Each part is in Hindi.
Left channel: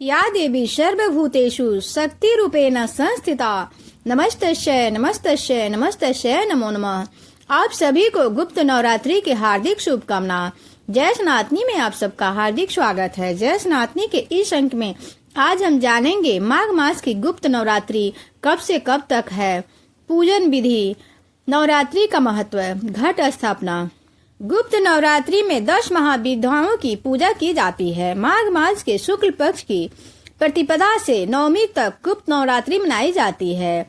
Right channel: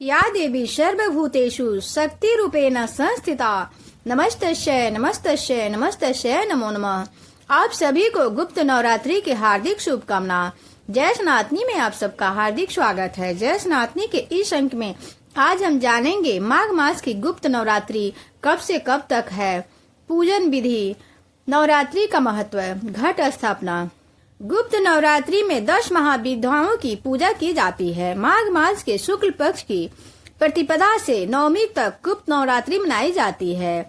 या देवी सर्वभूतेषु शक्तिरूपेण संस्थिता नमस्तस्यै नमस्तस्यै नमस्तस्यै नमो नमः। आप सभी को गुप्त नवरात्रि की हार्दिक शुभकामना। जय सनातनी में आप सबका हार्दिक स्वागत है। जय सनातनी के इस अंक में आज हम जानेंगे माघ मास की गुप्त नवरात्रि कब से कब तक है, पूजन विधि, नवरात्रि का महत्व, घट स्थापना। गुप्त नवरात्रि में 10 महाविद्याओं की पूजा की जाती है। माघ मास के शुक्ल पक्ष की प्रतिपदा से नवमी तक गुप्त नवरात्रि मनाई जाती है।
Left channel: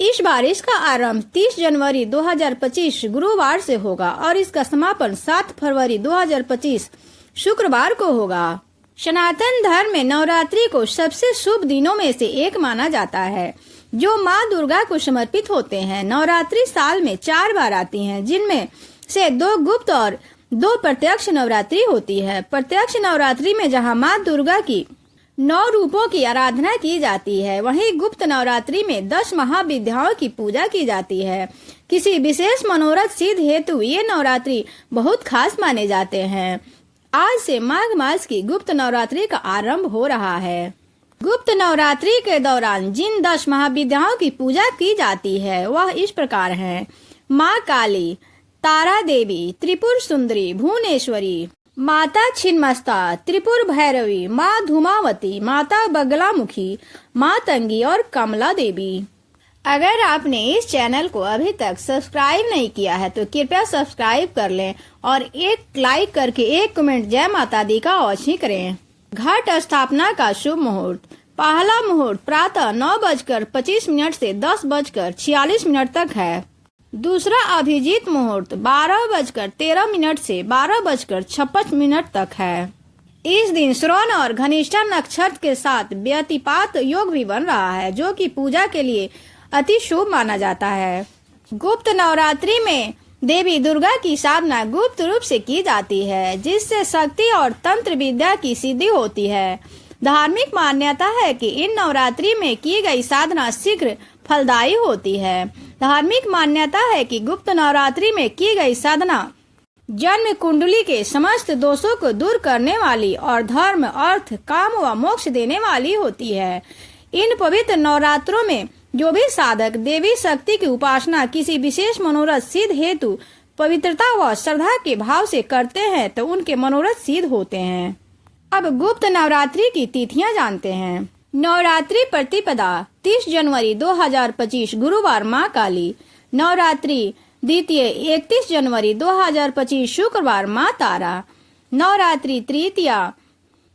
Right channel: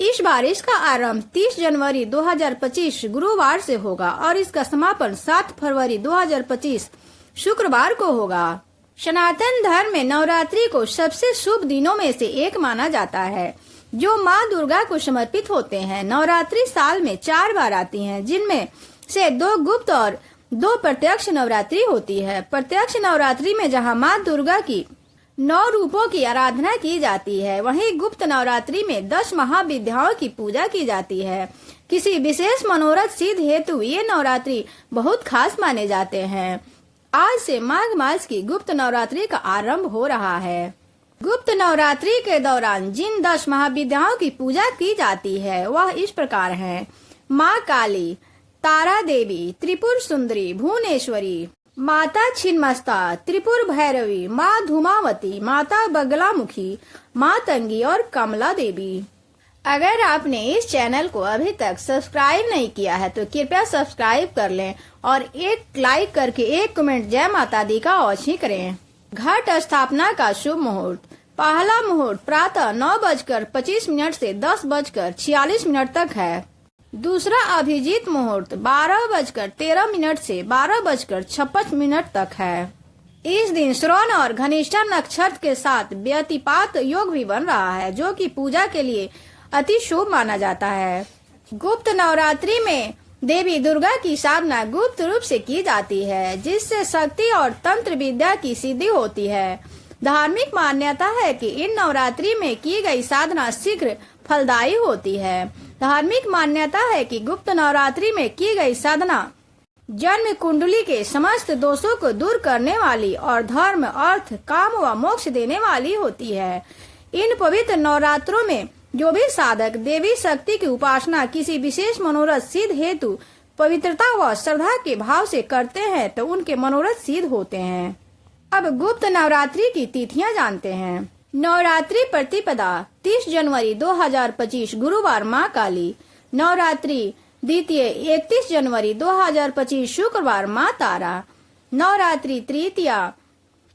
इस बार इसका आरंभ 30 जनवरी 2025 गुरुवार से होगा और इसका समापन 7 फरवरी 2025 शुक्रवार को होगा। सनातन धर्म में नवरात्रि को सबसे शुभ दिनों में से एक माना जाता है, जो माँ दुर्गा को समर्पित होते हैं। नवरात्रि साल में 4 बार आती हैं, जिनमें से 2 गुप्त और 2 प्रत्यक्ष नवरात्रि होती है। प्रत्यक्ष नवरात्रि में जहां माँ दुर्गा की 9 रूपों की आराधना की जाती है, वहीं गुप्त नवरात्रि में 10 महाविद्याओं की पूजा की जाती है। किसी विशेष मनोरथ सिद्ध हेतु ये नवरात्रि बहुत खास माने जाते हैं। आज से माघ मास की गुप्त नवरात्रि का आरंभ हो रहा है। गुप्त नवरात्रि के दौरान जिन 10 महाविद्याओं की पूजा की जाती है वह इस प्रकार है: माँ काली, तारा देवी, त्रिपुर सुंदरी, भुवनेश्वरी, माता छिन्नमस्ता, त्रिपुर भैरवी, माँ धूमावती, माता बगलामुखी, मातंगी और कमला देवी। अगर आपने इस चैनल को अभी तक सब्सक्राइब नहीं किया है तो कृपया सब्सक्राइब कर लें और एक लाइक करके एक कमेंट जय माता दी का अवश्य करें। घट स्थापना का शुभ मुहूर्त। पहला मुहूर्त प्रातः 9:25 से 10:46 तक है। दूसरा अभिजीत मुहूर्त 12:13 से 12:56 तक है। इस दिन श्रवण और घनिष्ठा नक्षत्र के साथ व्यतिपात योग भी बन रहा है, जो कि पूजा के लिए अति शुभ माना जाता है। गुप्त नवरात्रि में देवी दुर्गा की साधना गुप्त रूप से की जाती है, जिससे शक्ति और तंत्र विद्या की सिद्धि होती है। धार्मिक मान्यता है कि इन नवरात्रि में की गई साधना शीघ्र फलदायी होती है। धार्मिक मान्यता है कि गुप्त नवरात्रि में की गई साधना जन्म कुंडली के समस्त दोषों को दूर करने वाली और धर्म, अर्थ, काम व मोक्ष देने वाली होती है। इन पवित्र नवरात्रों में जो भी साधक देवी शक्ति की उपासना किसी विशेष मनोरथ सिद्ध हेतु पवित्रता व श्रद्धा के भाव से करते हैं तो उनके मनोरथ सिद्ध होते हैं। अब गुप्त नवरात्रि की तिथियां जानते हैं। नवरात्रि प्रतिपदा 30 जनवरी 2025 गुरुवार माँ काली। नवरात्रि द्वितीय 31 जनवरी 2025 शुक्रवार माँ तारा। नवरात्रि तृतीया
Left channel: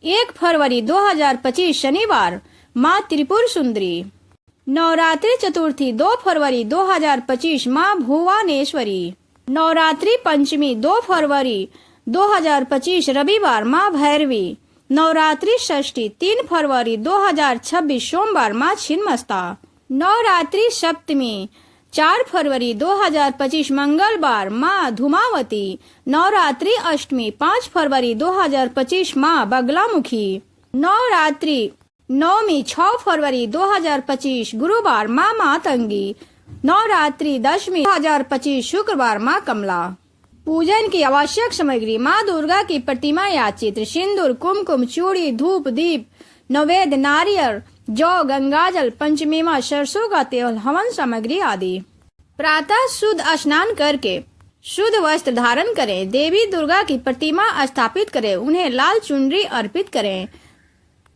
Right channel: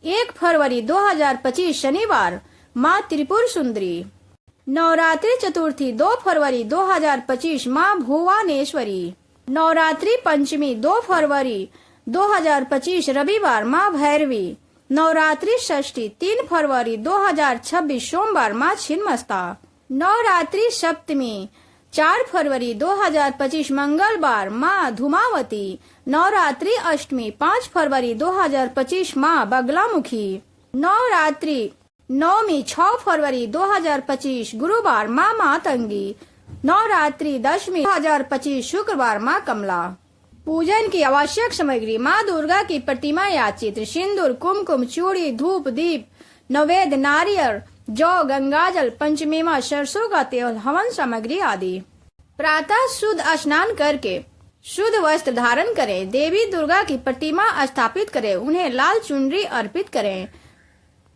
1 फरवरी 2025 शनिवार माँ त्रिपुर सुंदरी। नवरात्रि चतुर्थी 2 फरवरी 2025 माँ भुवनेश्वरी। नवरात्रि पंचमी 2 फरवरी 2025 रविवार माँ भैरवी। नवरात्रि षष्ठी 3 फरवरी 2026 सोमवार माँ छिन्नमस्ता। नवरात्रि सप्तमी 4 फरवरी 2025 मंगलवार माँ धूमावती। नवरात्रि अष्टमी 5 फरवरी 2025 माँ बगलामुखी। नवरात्रि नवमी 6 फरवरी 2025 गुरुवार माँ मातंगी। नवरात्रि दशमी 2025 शुक्रवार माँ कमला। पूजन की आवश्यक सामग्री: माँ दुर्गा की प्रतिमा या चित्र, सिंदूर, कुमकुम, चूड़ी, धूप, दीप, नैवेद्य, नारियल, जौ, गंगाजल, पंचमेवा, सरसों का तेल, हवन सामग्री आदि। प्रातः शुद्ध स्नान करके शुद्ध वस्त्र धारण करें। देवी दुर्गा की प्रतिमा स्थापित करें। उन्हें लाल चुनरी अर्पित करें।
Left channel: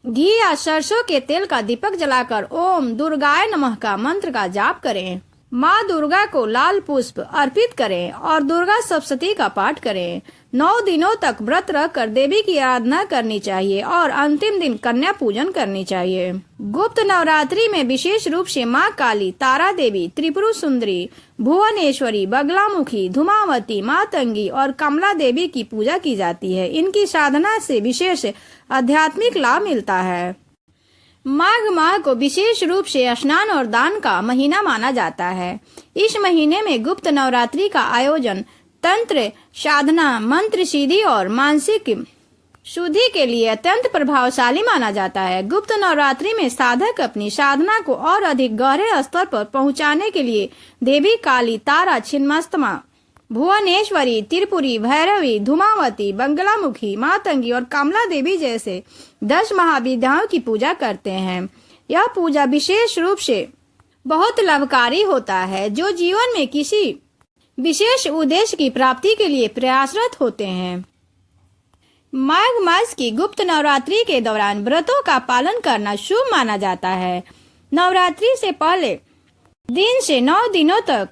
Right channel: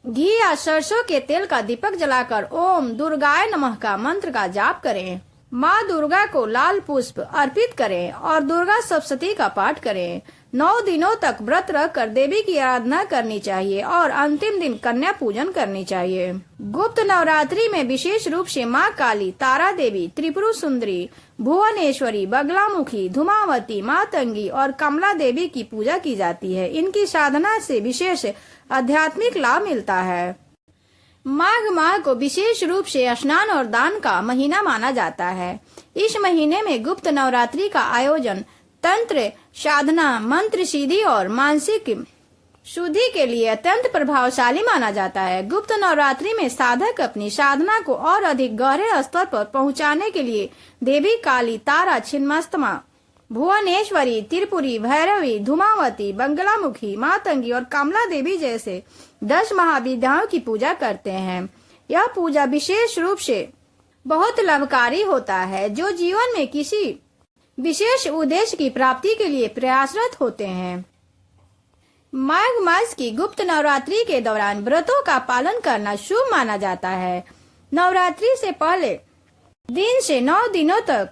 घी या सरसों के तेल का दीपक जलाकर ओम दुर्गाय नमः का मंत्र का जाप करें। माँ दुर्गा को लाल पुष्प अर्पित करें और दुर्गा सप्तशती का पाठ करें। 9 दिनों तक व्रत रखकर देवी की आराधना करनी चाहिए और अंतिम दिन कन्या पूजन करनी चाहिए। गुप्त नवरात्रि में विशेष रूप से माँ काली, तारा देवी, त्रिपुर सुंदरी, भुवनेश्वरी, बगलामुखी, धूमावती, मातंगी और कमला देवी की पूजा की जाती है। इनकी साधना से विशेष आध्यात्मिक लाभ मिलता है। माघ माह को विशेष रूप से स्नान और दान का महीना माना जाता है। इस महीने में गुप्त नवरात्रि का आयोजन तंत्र साधना, मंत्र सिद्धि और मानसिक शुद्धि के लिए अत्यंत प्रभावशाली माना जाता है। गुप्त नवरात्रि में साधक अपनी साधना को और अधिक गहरे स्तर पर पहुंचाने के लिए देवी काली, तारा, छिन्नमस्ता भुवनेश्वरी, त्रिपुरी, भैरवी, धूमावती, बंगलामुखी, मातंगी और कमला देवी जैसे 10 महाविद्याओं की पूजा करते हैं। यह पूजा विशेष रूप से बहुत लाभकारी होता है, जो जीवन में किसी विशेष उद्देश्य की प्राप्ति के लिए प्रयासरत होते हैं। माघ मास की गुप्त नवरात्रि के दौरान व्रतों का पालन करना शुभ माना जाता है। नवरात्रि से पहले दिन से 9 दिनों तक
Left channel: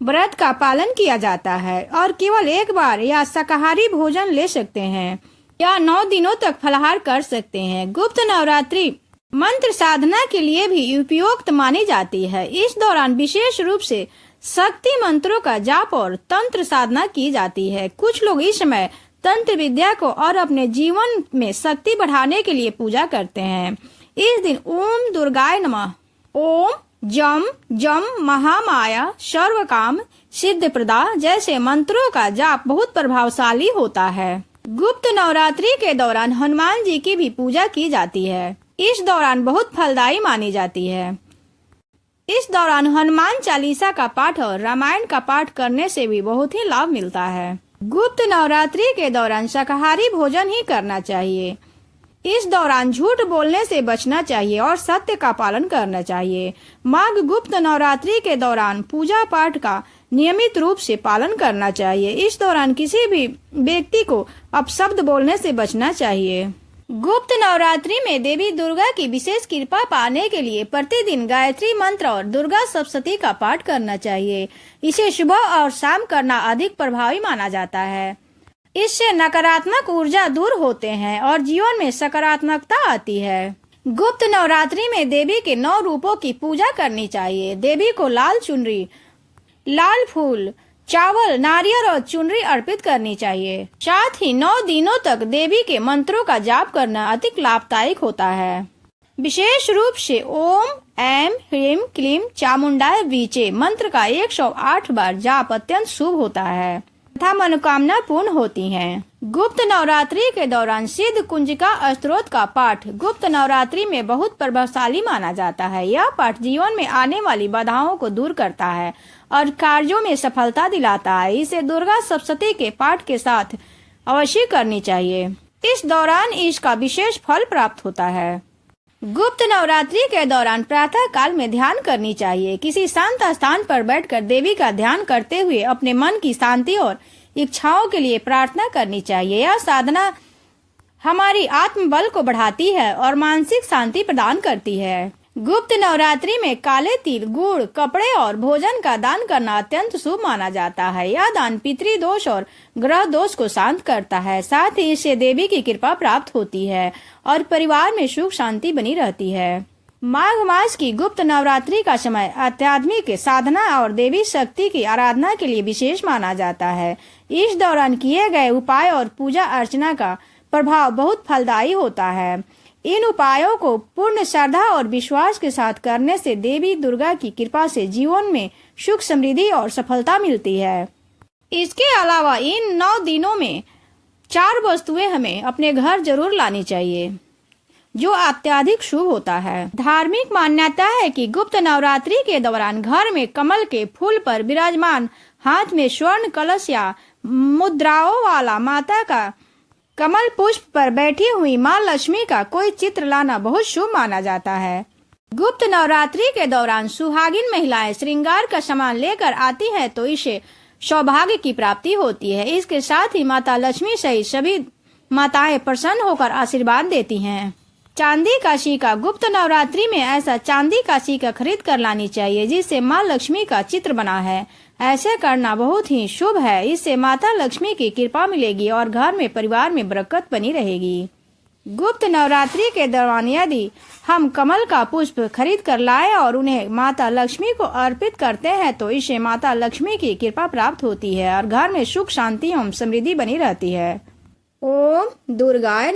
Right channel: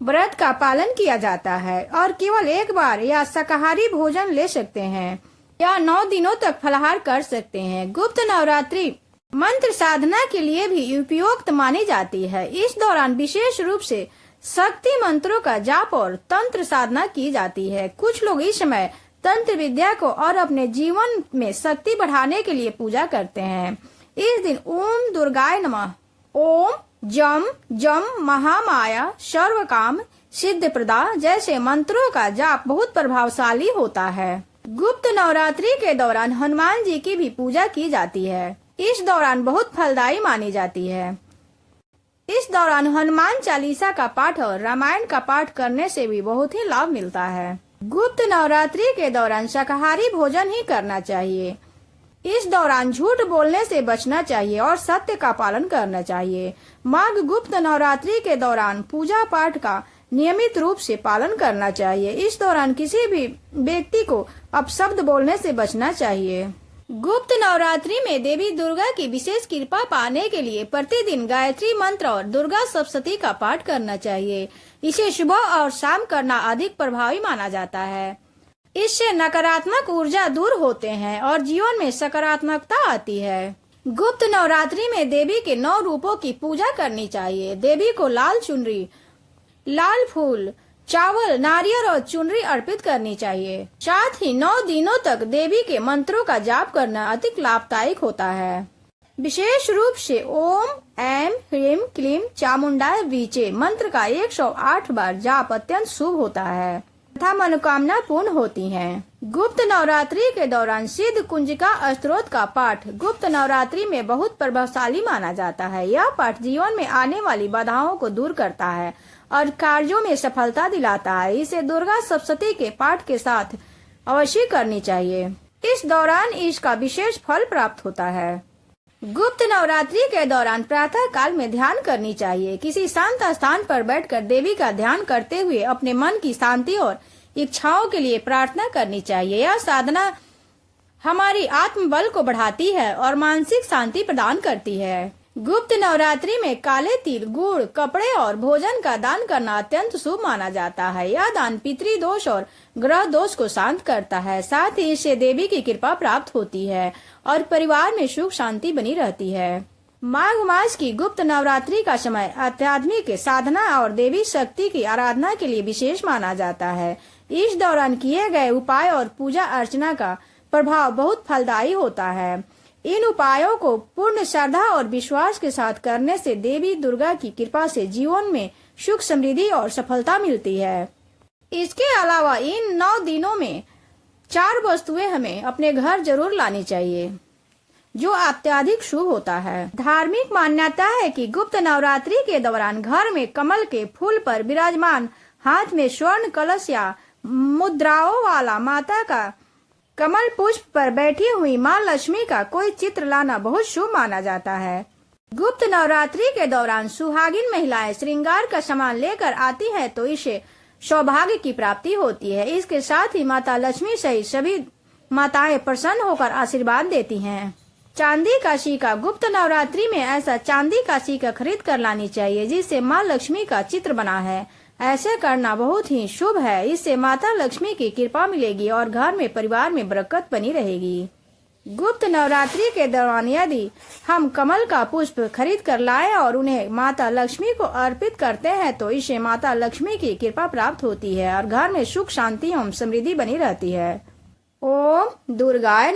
व्रत का पालन किया जाता है और केवल एक बार या शाकाहारी भोजन ले सकते हैं या 9 दिनों तक फलाहार कर सकते हैं। गुप्त नवरात्रि मंत्र साधना के लिए भी उपयुक्त मानी जाती है। इस दौरान विशेष रूप से शक्ति मंत्रों का जाप और तंत्र साधना की जाती है। कुछ लोग इस समय तंत्र विद्या को और अपने जीवन में शक्ति बढ़ाने के लिए पूजा करते हैं। इस दिन ओम दुर्गाय नमः, ओम जम जम महामाया सर्वकाम सिद्ध प्रदा जैसे मंत्रों का जाप बहुत प्रभावशाली होता है। गुप्त नवरात्रि के दौरान हनुमान जी की भी पूजा की जाती है। इस दौरान बहुत फलदायी मानी जाती है। इस दौरान हनुमान चालीसा का पाठ और रामायण का पाठ करने से भी बहुत ही लाभ मिलता है। गुप्त नवरात्रि के दौरान शाकाहारी भोजन ही करना चाहिए। इस दौरान झूठ बोलने से बचना चाहिए और सत्य का पालन करना चाहिए। माघ गुप्त नवरात्रि के दौरान पूजा पाठ का नियमित रूप से पालन करना चाहिए। इस दौरान किसी भी व्यक्ति को अपशब्द बोलने से बचना चाहिए। गुप्त नवरात्रि में देवी दुर्गा की विशेष कृपा पाने के लिए प्रतिदिन गायत्री मंत्र और दुर्गा सप्तशती का पाठ करना चाहिए। इसे सुबह और शाम करना अधिक प्रभावी माना जाता है। इससे नकारात्मक ऊर्जा दूर होते हैं और जीवन में सकारात्मकता आती है। गुप्त नवरात्रि में देवी के 9 रूपों की पूजा करनी चाहिए। देवी को लाल चुनरी, लाल फूल, चावल, नारियल और चुनरी अर्पित करनी चाहिए। साथ ही 9 दिनों तक देवी के मंत्रों का जाप करना अधिक लाभदायक होता है। विशेष रूप से ओम ऐं ह्रीं क्लीं चामुंडाय वीचे मंत्र का 108 बार जाप अत्यंत शुभ होता है तथा मनोकामना पूर्ण होती हैं। गुप्त नवरात्रि के दौरान सिद्ध कुंजिका स्तोत्र का पाठ गुप्त नवरात्रि में बहुत प्रभावशाली माना जाता है। यह पाठ जीवन में आने वाली बाधाओं को दूर करता है और कार्यों में सफलता दिलाता है। इसे दुर्गा सप्तशती के पाठ के साथ अवश्य करनी चाहिए। इस दौरान इसका विशेष फल प्राप्त होता है। गुप्त नवरात्रि के दौरान प्रातः काल में ध्यान करनी चाहिए। किसी शांत स्थान पर बैठकर देवी का ध्यान करते हुए अपने मन की शांति और इच्छाओं के लिए प्रार्थना करनी चाहिए। यह साधना हमारी आत्मबल को बढ़ाती है और मानसिक शांति प्रदान करती है। गुप्त नवरात्रि में काले तिल, गुड़, कपड़े और भोजन का दान करना अत्यंत शुभ माना जाता है। यह दान पितृदोष और ग्रह दोष को शांत करता है। साथ ही इससे देवी की कृपा प्राप्त होती है और परिवार में सुख शांति बनी रहती है। माघ मास की गुप्त नवरात्रि का समय आध्यात्मिक साधना और देवी शक्ति की आराधना के लिए विशेष माना जाता है। इस दौरान किए गए उपाय और पूजा अर्चना का प्रभाव बहुत फलदायी होता है। इन उपायों को पूर्ण श्रद्धा और विश्वास के साथ करने से देवी दुर्गा की कृपा से जीवन में सुख, समृद्धि और सफलता मिलती है। इसके अलावा इन 9 दिनों में 4 वस्तुएं हमें अपने घर जरूर लानी चाहिए, जो अत्यधिक शुभ होता है। धार्मिक मान्यता है कि गुप्त नवरात्रि के दौरान घर में कमल के फूल पर विराजमान हाथ में स्वर्ण कलश या मुद्राओं वाला माता का कमल पुष्प पर बैठी हुई माँ लक्ष्मी का कोई चित्र लाना बहुत शुभ माना जाता है। गुप्त नवरात्रि के दौरान सुहागिन महिलाएं श्रृंगार का सामान लेकर आती हैं तो इसे सौभाग्य की प्राप्ति होती है। इसके साथ ही माता लक्ष्मी सहित सभी माताएं प्रसन्न होकर आशीर्वाद देती हैं। चांदी का सिक्का गुप्त नवरात्रि में ऐसा चांदी का सिक्का खरीद कर लानी चाहिए जिससे माँ लक्ष्मी का चित्र बना है। ऐसे करना बहुत ही शुभ है। इससे माता लक्ष्मी की कृपा मिलेगी और घर में परिवार में बरकत बनी रहेगी। गुप्त नवरात्रि के दौरान यदि हम कमल का पुष्प खरीद कर लाए और उन्हें माता लक्ष्मी को अर्पित करते हैं तो इससे माता लक्ष्मी की कृपा प्राप्त होती है और घर में सुख, शांति एवं समृद्धि बनी रहती है। ओम दुर्गाय